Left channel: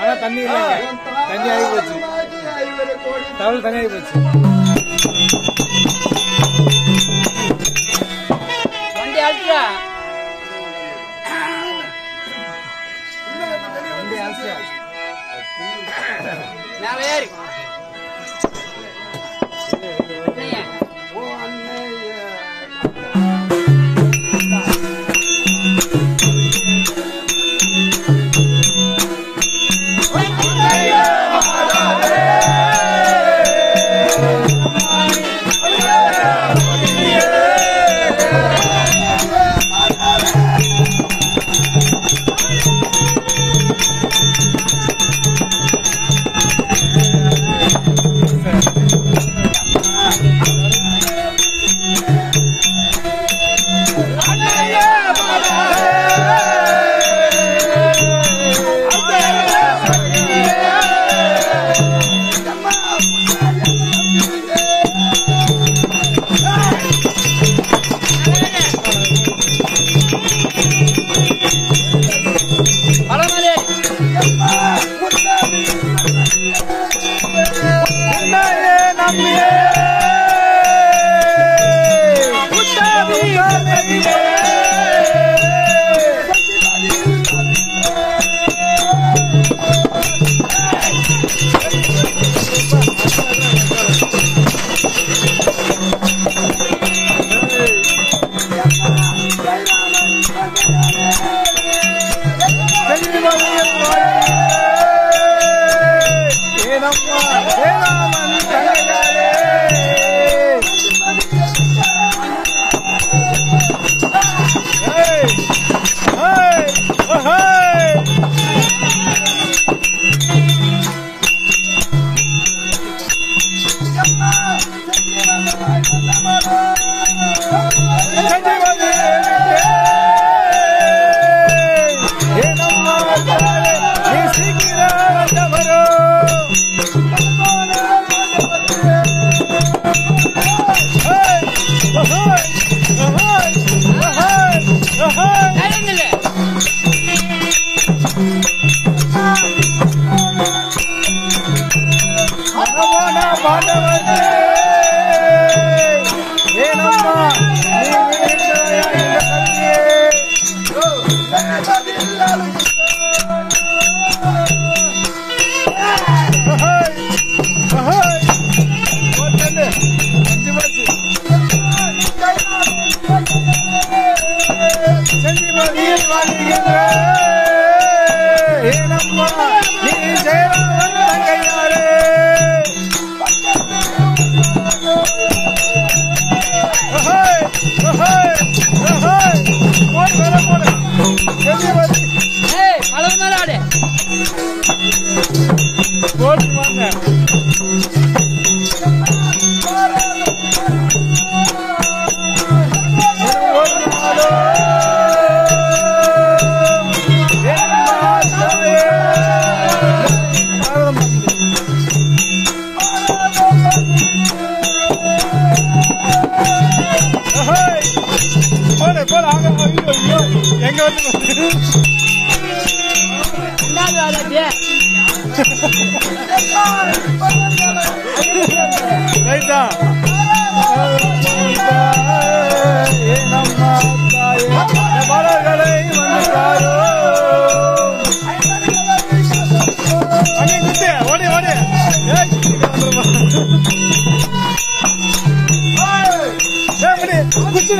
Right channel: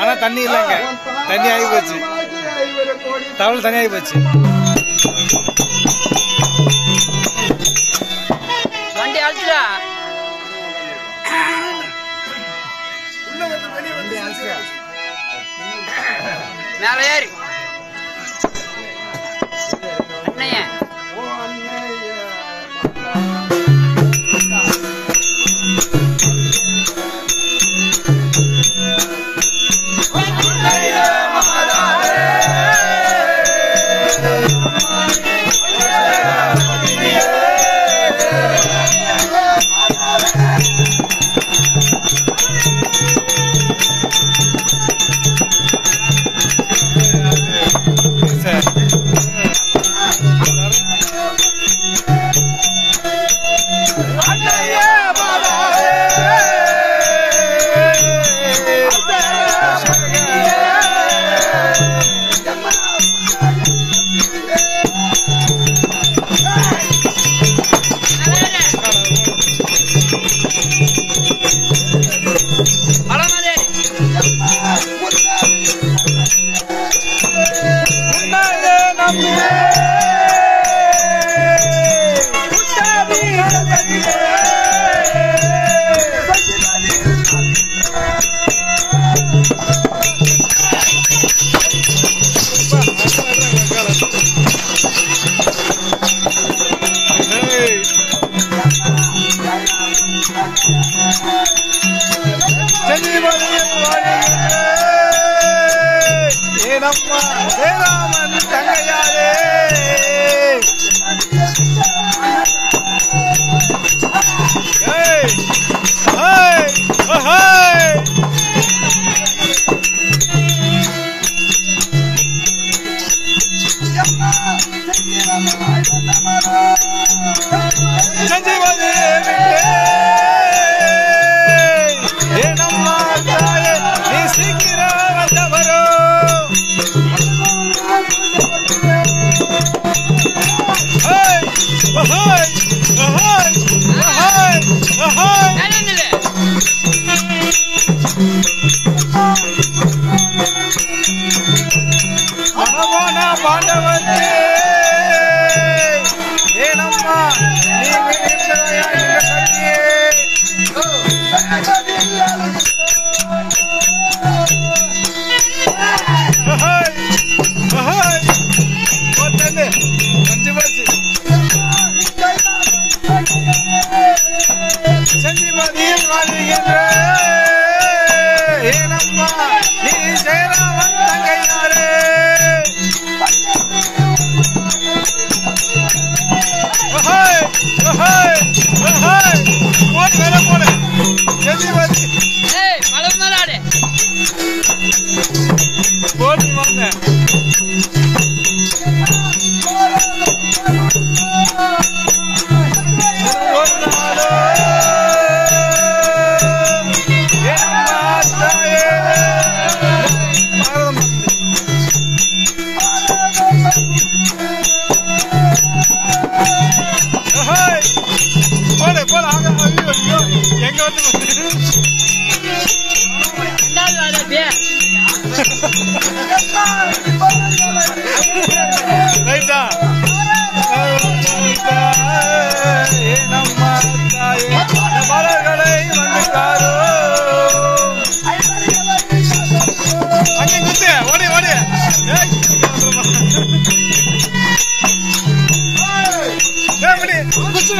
ஆனா தண்ணி இல்லைங்க, தண்ணி ஆகி போச்சு, தவள் தண்ணி ஆகி போச்சு. வண்டி அழிச்சுடா மேல ஏறி அண்ணைய ஓடி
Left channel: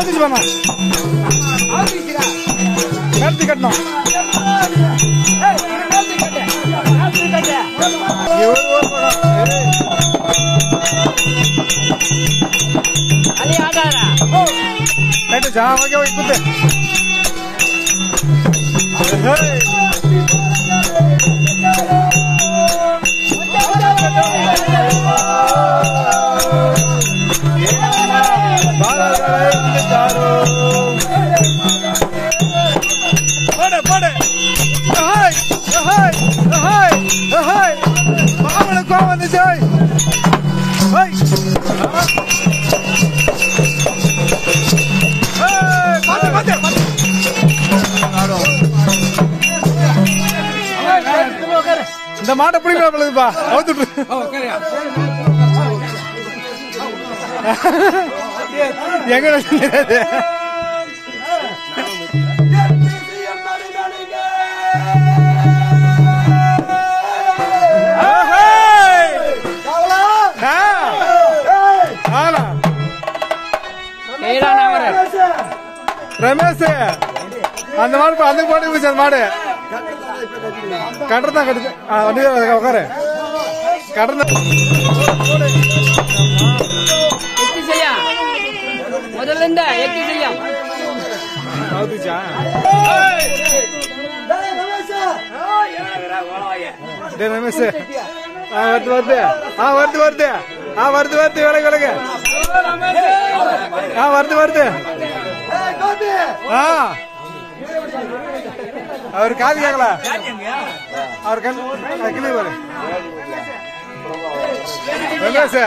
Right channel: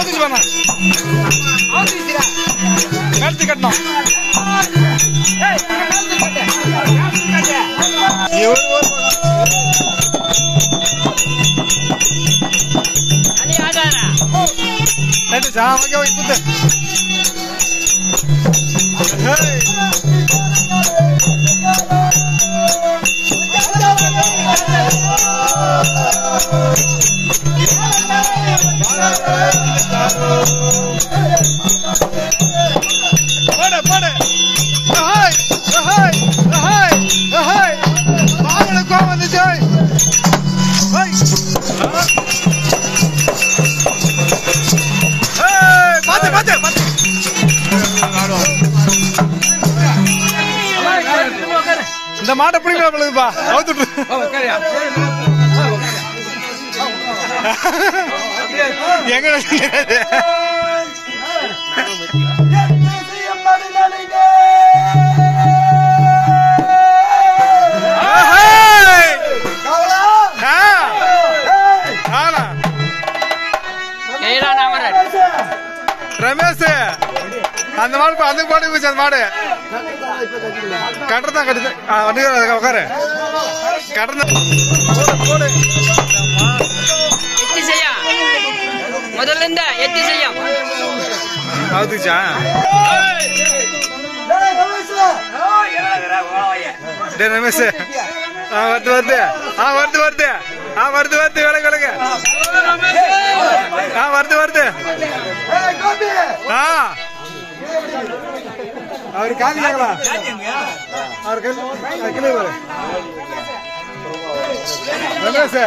அவுத்துச்சு பண்ண கட்டு கட்டணும் கட்டுச்சா ஓகே ஓகே குத்து இந்த மாட்டை பிடிப்பா அவுத்துட்டு எங்க ரமேஷ் அந்த மாடு அந்த மாடு போச்சு அந்த மாடு கட்டுறதான் கட்டுது வண்டி உட்காரு கட்டுறதான் எத்தி செய்யா முதல்ல இருந்தா எத்தி செய்யா அவுத்துச்சா ரமேஷ் வருது வருது வருது வருது வருது வருது விலகு விலகு வருது வருது அவர் காதுங்களா அவர் கிளை வரு ரமேஷ்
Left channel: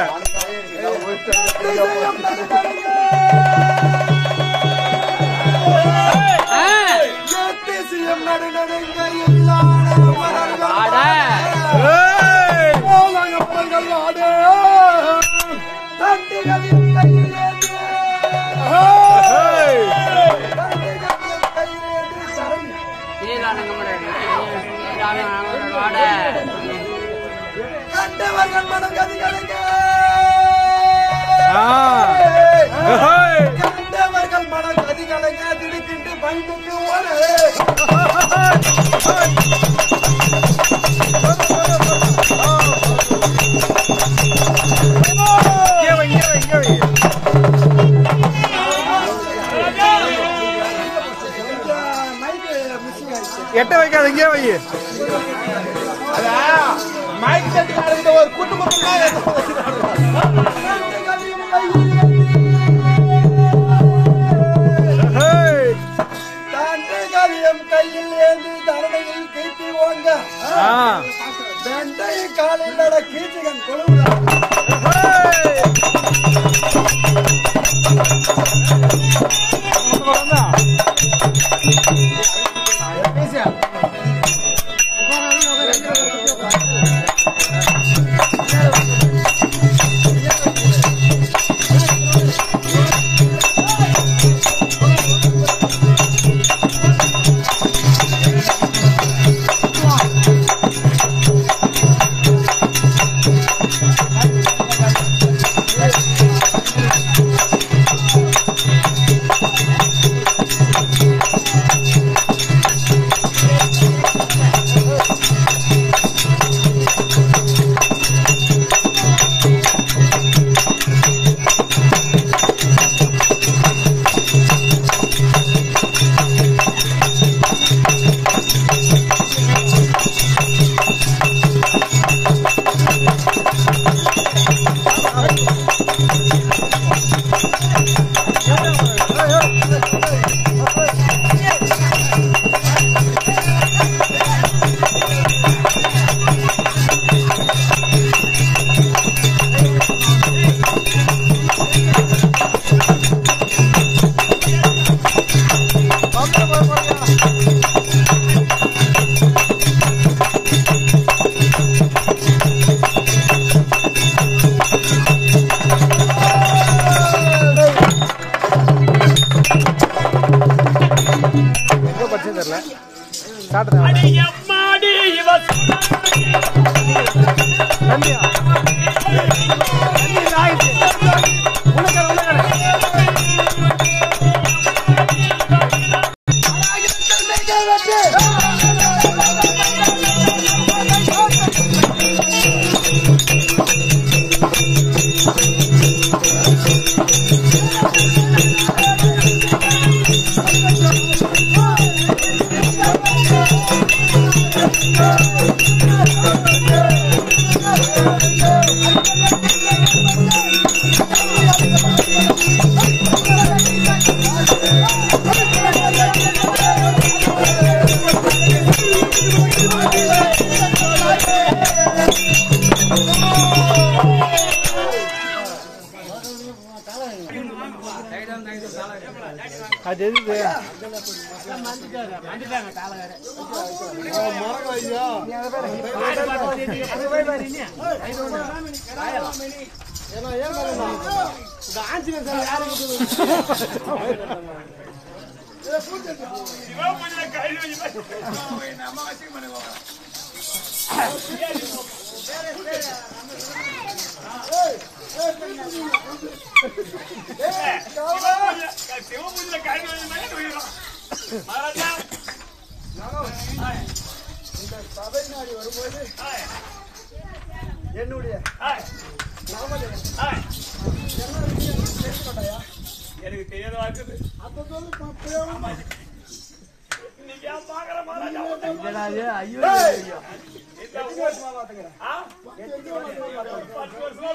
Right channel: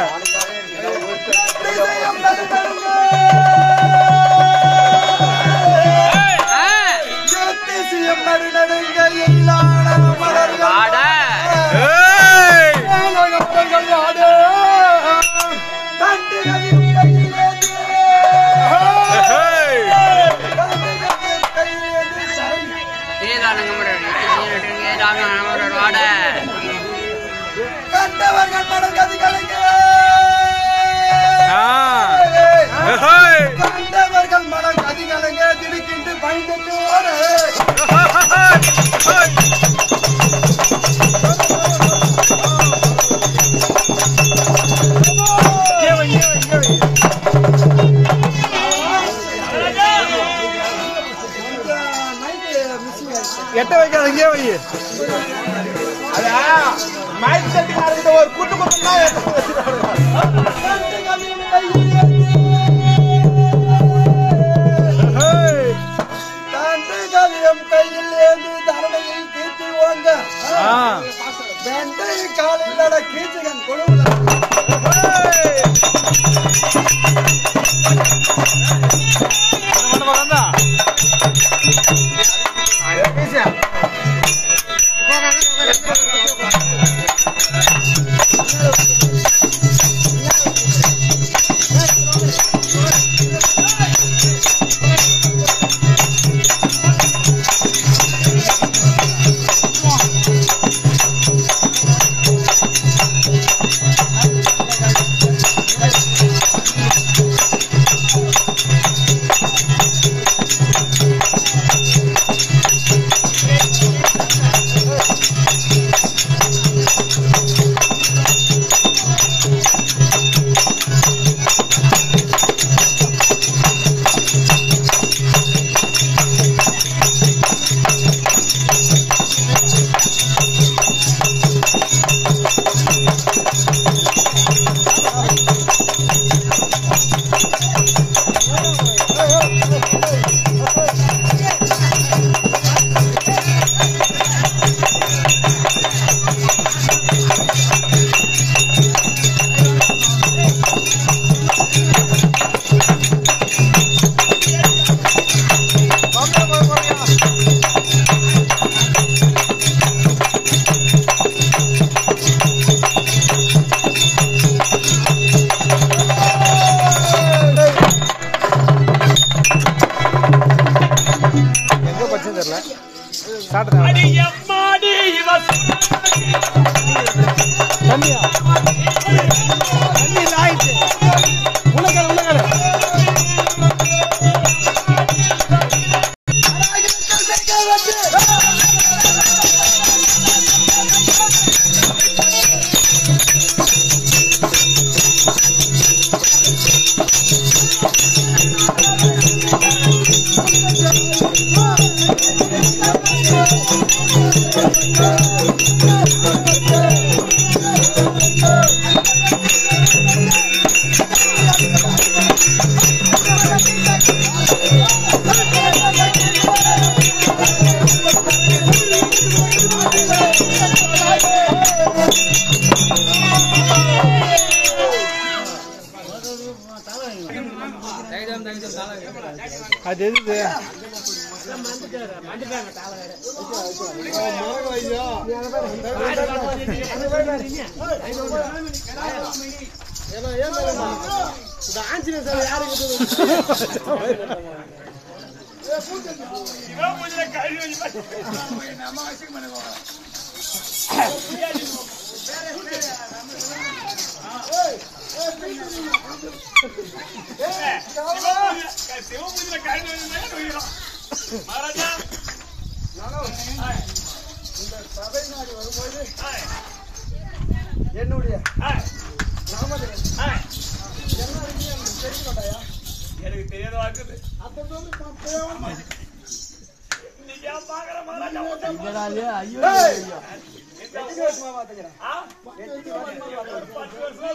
மனம் கதிகளுங்க திடுக்கிட்டு பயந்துட்டு எட்ட வைக்காது இங்கே வை மைக் செட்டுக்காரங்க ஒரு கூட்டு கையில் ஏந்தி தரணையில் கீழ்த்தி ஓங்க வெண்டை காலில் நட கீச்சுகன் கொழுவுல அது எது இந்த சபை நாடி வரும்போது என்னுடைய எனக்கு தெரியாத இருக்குது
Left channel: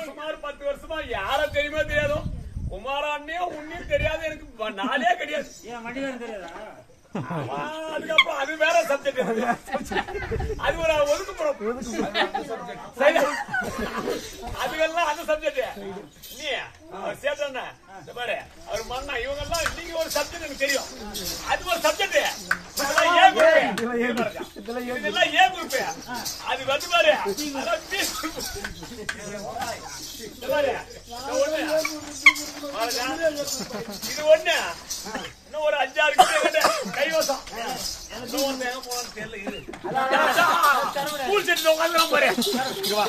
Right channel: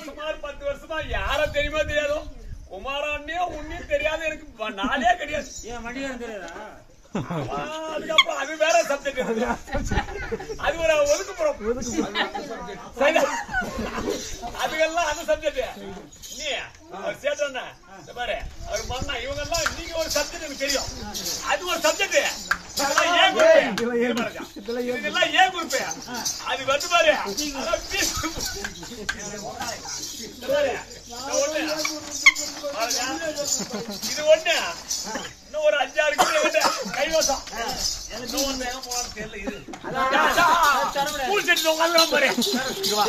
சுமார் 10 வருஷமா யார தெரியுமா தெரியாதோ குமாரான்னே உன்னையும் தெரியாது எனக்கு நாளே கிடையாது அதுக்கப்புறம் அது வேற சப்ஜெக்ட் அது ஒரு ஒதுக்குப்புறம் அதுக்கெல்லாம் அந்த சப்ஜெக்ட் நீ அவர் சேட்டா பாரு அவர் மண்ணா இவங்க எல்லாம் நீங்க ஒரு சப்ஜெக்ட் எனக்கு தெரியும் அது ஒரு சப்ஜெக்ட் இதெல்லாம் ஏன் குரூப் அது வந்து பாரு ஒண்ணு இது ஒண்ணு இன்னும் ஒரு 5-6 கிட்ட கைவசம் இன்னும் ஒரு எங்க போனான்னு தெரியல இது ஸ்கூல் செட்டு உட்காந்துலாம் பாரு சிவா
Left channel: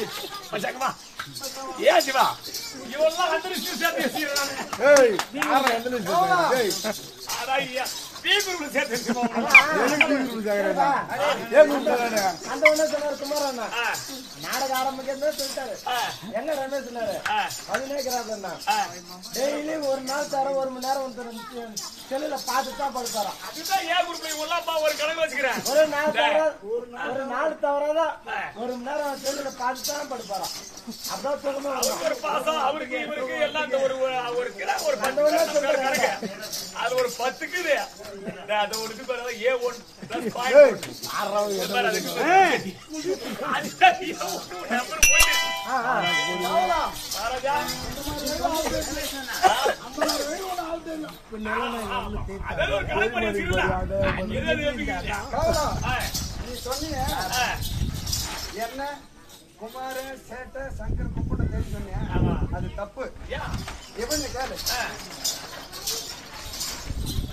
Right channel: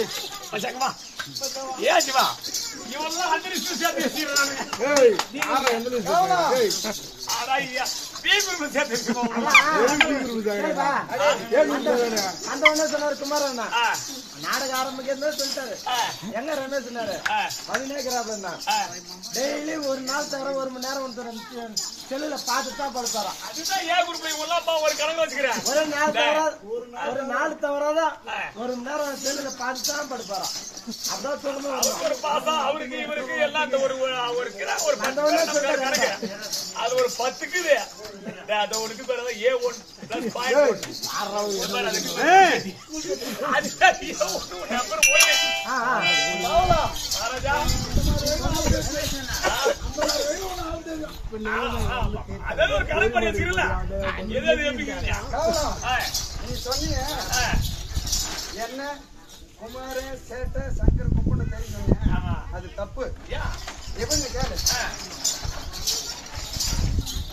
ஏன் சிவா இவெல்லாம் அந்த பி குரூப்ல சேர்த்து குமாரண்ணா நாடக ஆரம்பிக்கிறதே சொல்லிட்டாரு எங்க ரமேஷ் சொன்னாரு அபிநயக்கிறாப்ல டெய்லி ஒரு நாள் தர 1 மணி நேரம் செல்லுல பார்த்துட்டு தான் படுத்தாரா அதுதான் ஏன் குரூப்ல இவெல்லாம் ஒரு கணக்கு வச்சுக்கிறேன் ஒரு நாள் தவறாதான் 1 மணி நேரம் செல்லுல பார்த்துட்டு தான் படுப்பாரா அதான் சொல்லணும் ஒரு பாசம் அவருக்கு இவருக்கு எல்லாம் இந்த ஒரு 10 கணக்கு அது ஒரு 10க்கு அது ஒருக்கு பேரு A1 + 5 ஒரு கணக்கு பண்ணி வச்சிருக்கல நீ சொன்னீங்க என்ன குமார சேட்ட சங்கர் குப்பன தெரியும் சொன்னீங்க அது தப்பு இவங்க கேளு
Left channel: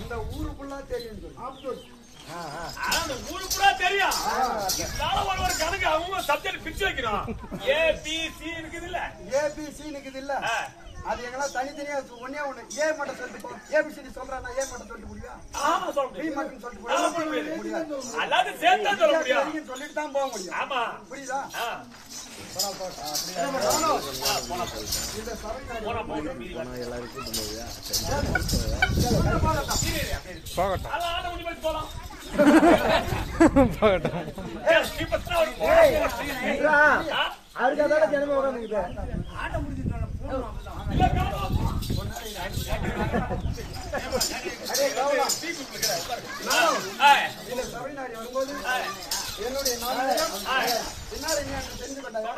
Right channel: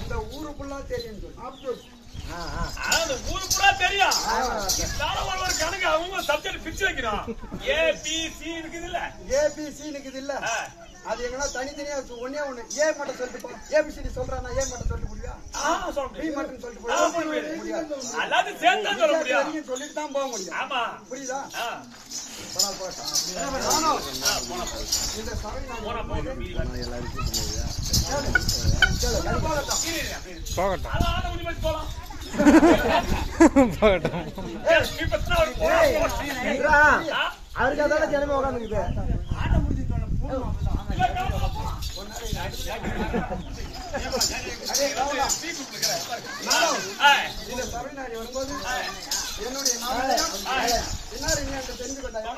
இந்த ஊருக்குள்ளா தெரியும் ஊருக்குள்ளா தெரியும் ஒரு கணக்கு அவங்க சப்ஜெக்ட் பிரிச்சு வைக்கிறோம் ABC இருக்குது இல்ல ABC இருக்குது இல்ல அது எங்கன்னா தனித்தனியா ஒன்னே ஒண்ணு ஏ மட்டும் சொல்லிட்டு போ ஏபிசிடி சொல்றானா ஏ மட்டும் சொல்லிட்டு முடியா பி மட்டும் சொல்லிட்டு முடியாது எல்லாத்தையும் சேர்த்து தான் சொல்ல முடியும் சொல்லிட்டு தான் போக முடியும் ஆமா புரியுதா அவருக்கு அதான் ஜனமே உட்காந்துக்குது என்னுடைய தெரிஞ்சு கொண்டாங்க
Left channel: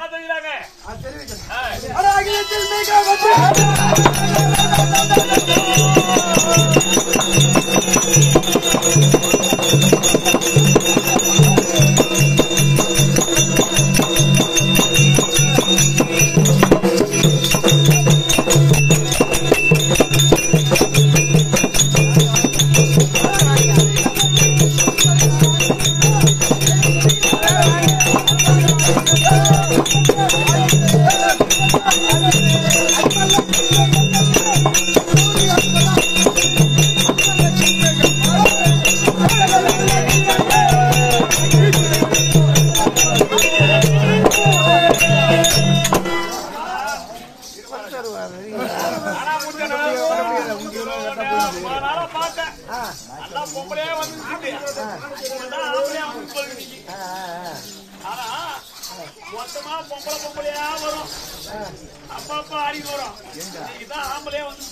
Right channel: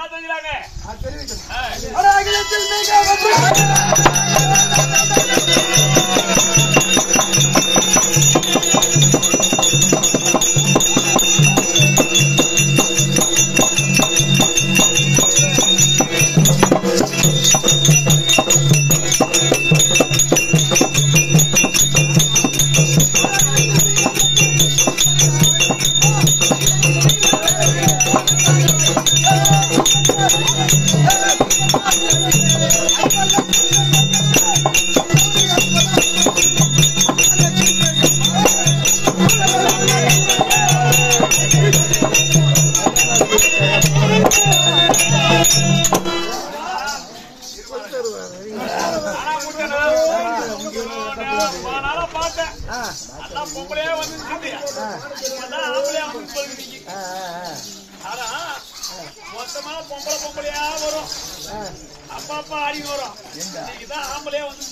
பொம்பளையா வந்து ஆம்பளையா வந்து ஆனா மொத்தமா பொம்பளையா வரும் அப்பா அப்பா ஆடிட்டு வரும் இன்னைக்குதான் ஆம்பளையா வந்து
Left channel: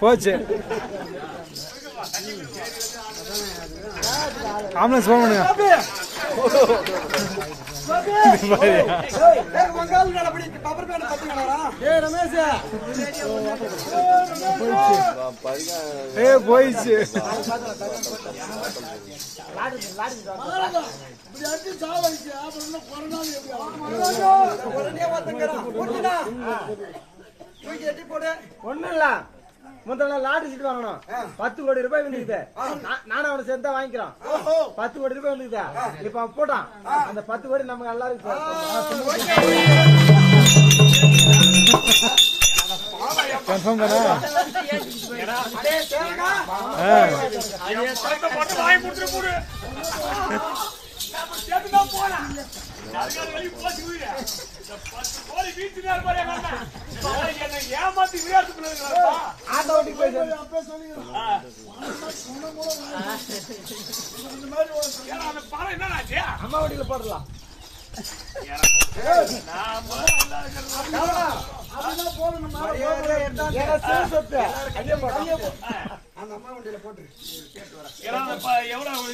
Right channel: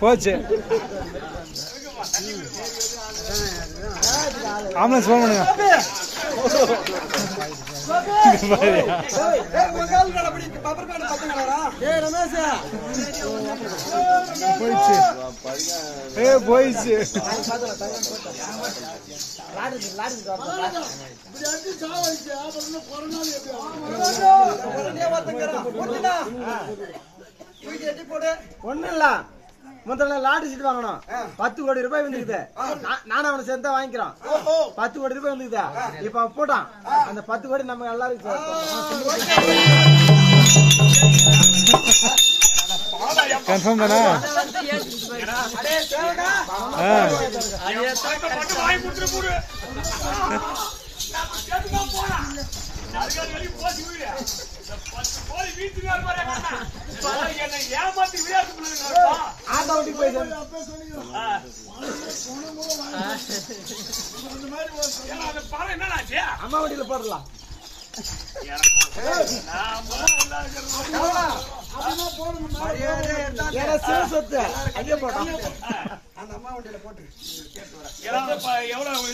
போச்சு ஆம்புலன்ஸ் போன் பண்ணுங்க போயிடுச்சு ஒண்ணு இல்ல முதல்ல லாட்டரி சீட் வாங்கணும் 10 கோடி ரூபாய் வந்துக்குது நானும் அவனை சேர்த்து வாங்கிக்கிறோம் 10 கோடி ரூபாய் வந்துக்குது இப்ப அவன் போட்டான் அந்த 10 கோடி நம்ம எல்லாருக்கும் கன்ஃபார்ம் தானா ஏமாத்தி விளையாட்டு பணம் என்னடாச்சு அம்மா வண்டியில போடலாம் அந்த அம்மா வண்டியில போட்டு எவ்வளவு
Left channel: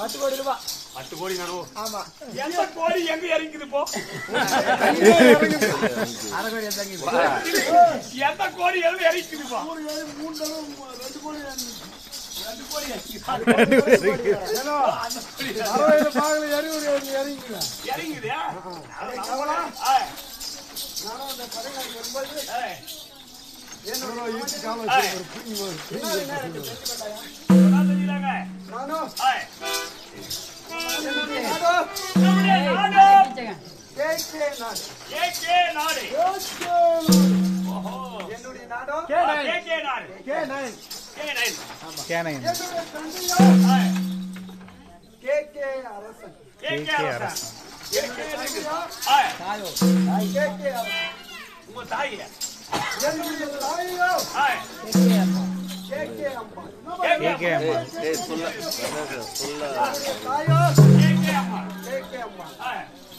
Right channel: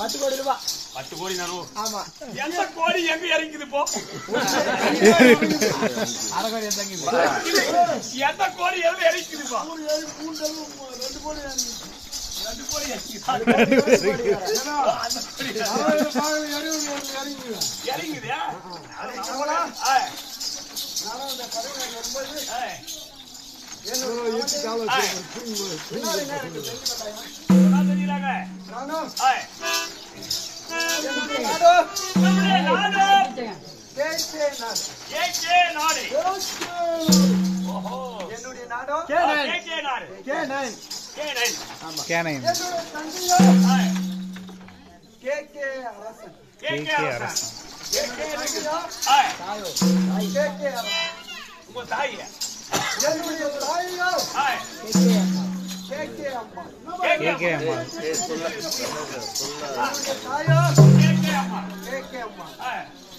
10 கோடி ரூபாய் 10 கோடி நடுவு ஆமா எந்த கோடி எங்க இறங்குது போ எந்த கோடி எங்க இறங்குது போ 2 கோடி இறங்குதா உங்க தாய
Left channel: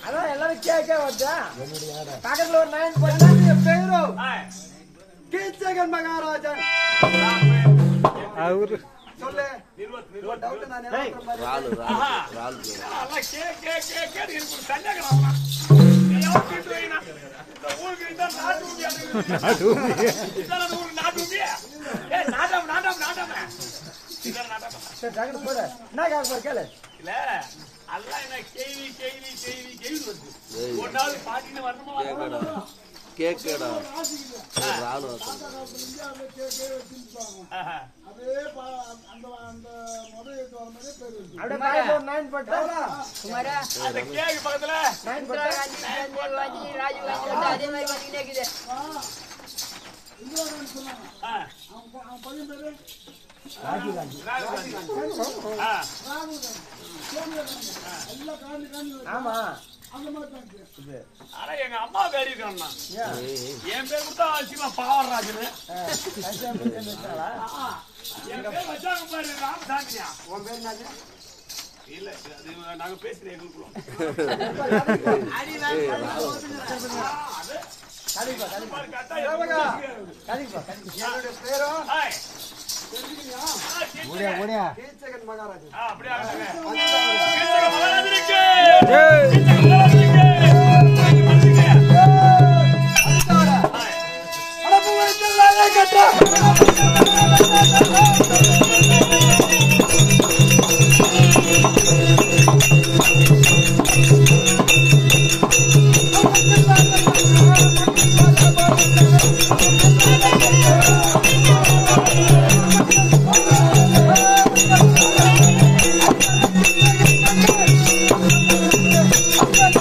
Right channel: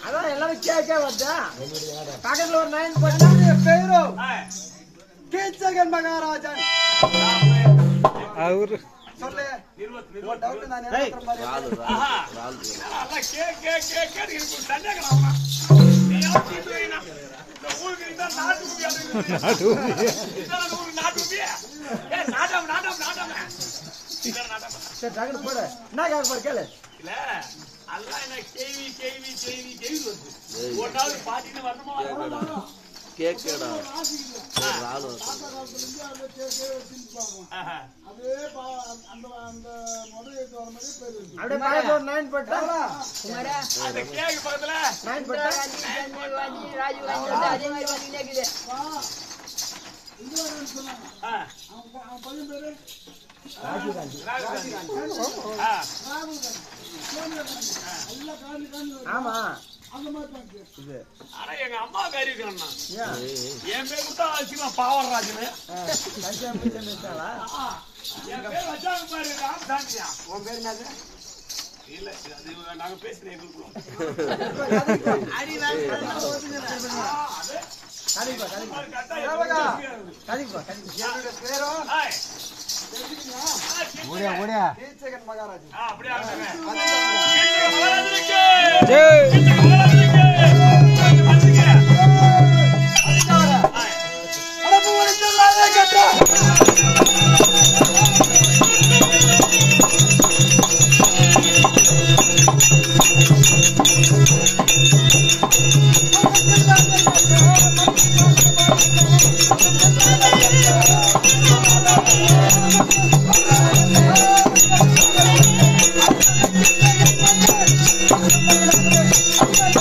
அதான் எல்லாரும் கேட்க வந்தா பக்கத்துல ஒரு 9 போட்டா பேரும் கேச்சகன் மகாராஜன் அவரு சொல்லு டவுட் நான் நினைக்கிற மாதிரி இல்ல அல்ல என்ன கேள்வி வருது ஒரு நாள் பாட்டின்னு வரணுமா கேக்கடா அந்த கேக்கு பக்கத்துல ஆமா ஆனா எங்க அம்மா பேரு இருக்கா என் பேர் கொடுத்தா வச்சுக்கலாம் பாவராஜன் என் பேர் வச்சாங்க பாரு ராமசாமியா உன் பேர் என்ன இல்ல அது நாங்க பேசுறேன் எங்களுக்குள்ள மகாராஜன் அப்படியே Thank you.